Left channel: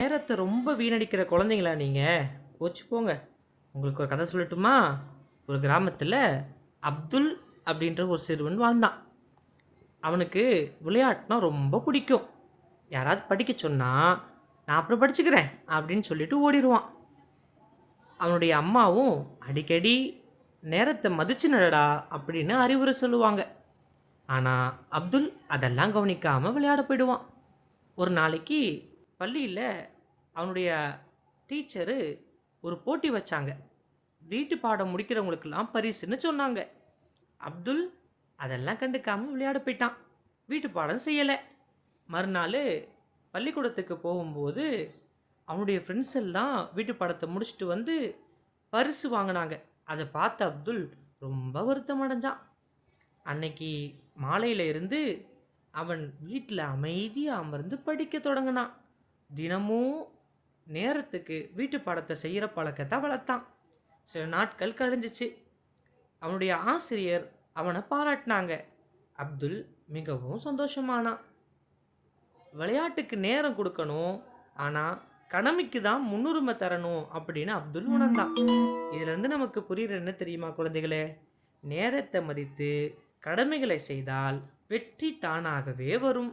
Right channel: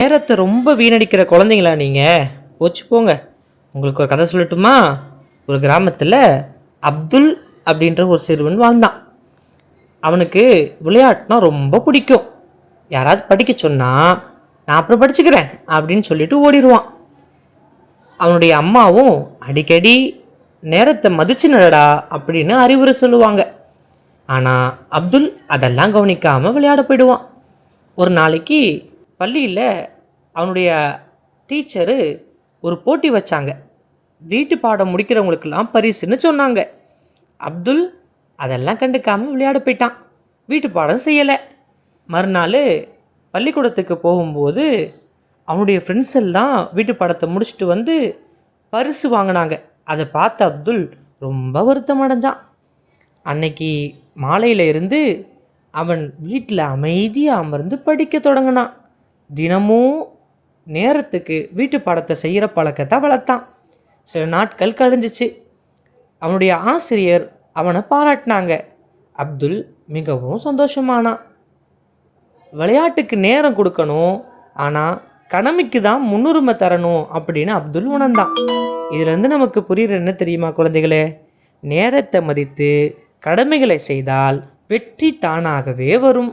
நேரத்தை ரொம்ப வீணடிக்கிற குழந்தைங்களா நீங்கள் போச்சு போங்க. உங்களுக்கு ஒரு கதை சொல்லட்டுமா? ஒரு கிராமத்தில் அப்துல் அப்படின்ற ஒரு சிறுவன் வாழ்ந்தான். அவனுக்கு விளையாட்டுனா ரொம்ப பிடிக்கும். யாராவது படிக்க சொன்னால் நான் அப்புறம் படிச்சுக்கிறேன் அப்படின்னு சொல்லிட்டு ஓடிடுவான் அவனுடைய அம்மாவும் அடிக்கடி நேரத்தை மதிச்சு நடடா அப்படின்னு அறிவுரை சொல்லுவாங்க. ஆனால் அப்துல் அதெல்லாம் கவனிக்காமல் விளையாட போயிடுவான். ஒரு நாளைக்கு பள்ளியில் அவனுடைய டீச்சரு ஒரு போட்டி வச்சாங்க. வீட்டு பாடம் முடிக்கிறவங்களுக்கெல்லாம் பரிசுன்னு சொன்னாங்க. அப்துல் அதெல்லாம் கண்டுக்காமல் விளையாட போயிட்டான். வீட்டு பாடம் செய்யலை. மறுநாள் பள்ளிக்கூடத்துக்கு போகும்போது அவனுடைய ஃப்ரெண்ட்ஸ் எல்லாம் வீட்டு பாடத்தை முடிச்சுட்டு வந்து பரிசு வாங்கினாங்க. அதை பார்த்த அப்துல் ரொம்ப வருத்தம் அடைஞ்சான். அன்னைக்கு மாலையில இருந்து அவன் வீட்டில் அமைதியாக அமர்ந்து படிக்க தொடங்கினான். தினமும் நேரத்துக்கு வீட்டு பாடத்தை செய்கிற பழக்கத்தை வளர்த்தான். சில நாட்கள் கழிஞ்சிச்சு. அவனுடைய ஆசிரியர் அவனை பாராட்டினாங்க. அப்துல் மிகவும் சந்தோஷமானான். விளையாட்டுக்கு நேரம் கொடுக்கணும். ஆனால் கடமைக்கு தான் முன்னுரிமை தரணும் அப்படின்னு அப்துல் உணர்ந்தான். இதுலேருந்து நமக்கு புரியுற என்ன தெரியுமா குழந்தைகளே? நேரத்தை மதித்து கடமைகளை செய்தால் வெற்றி தானாகவே வரும்.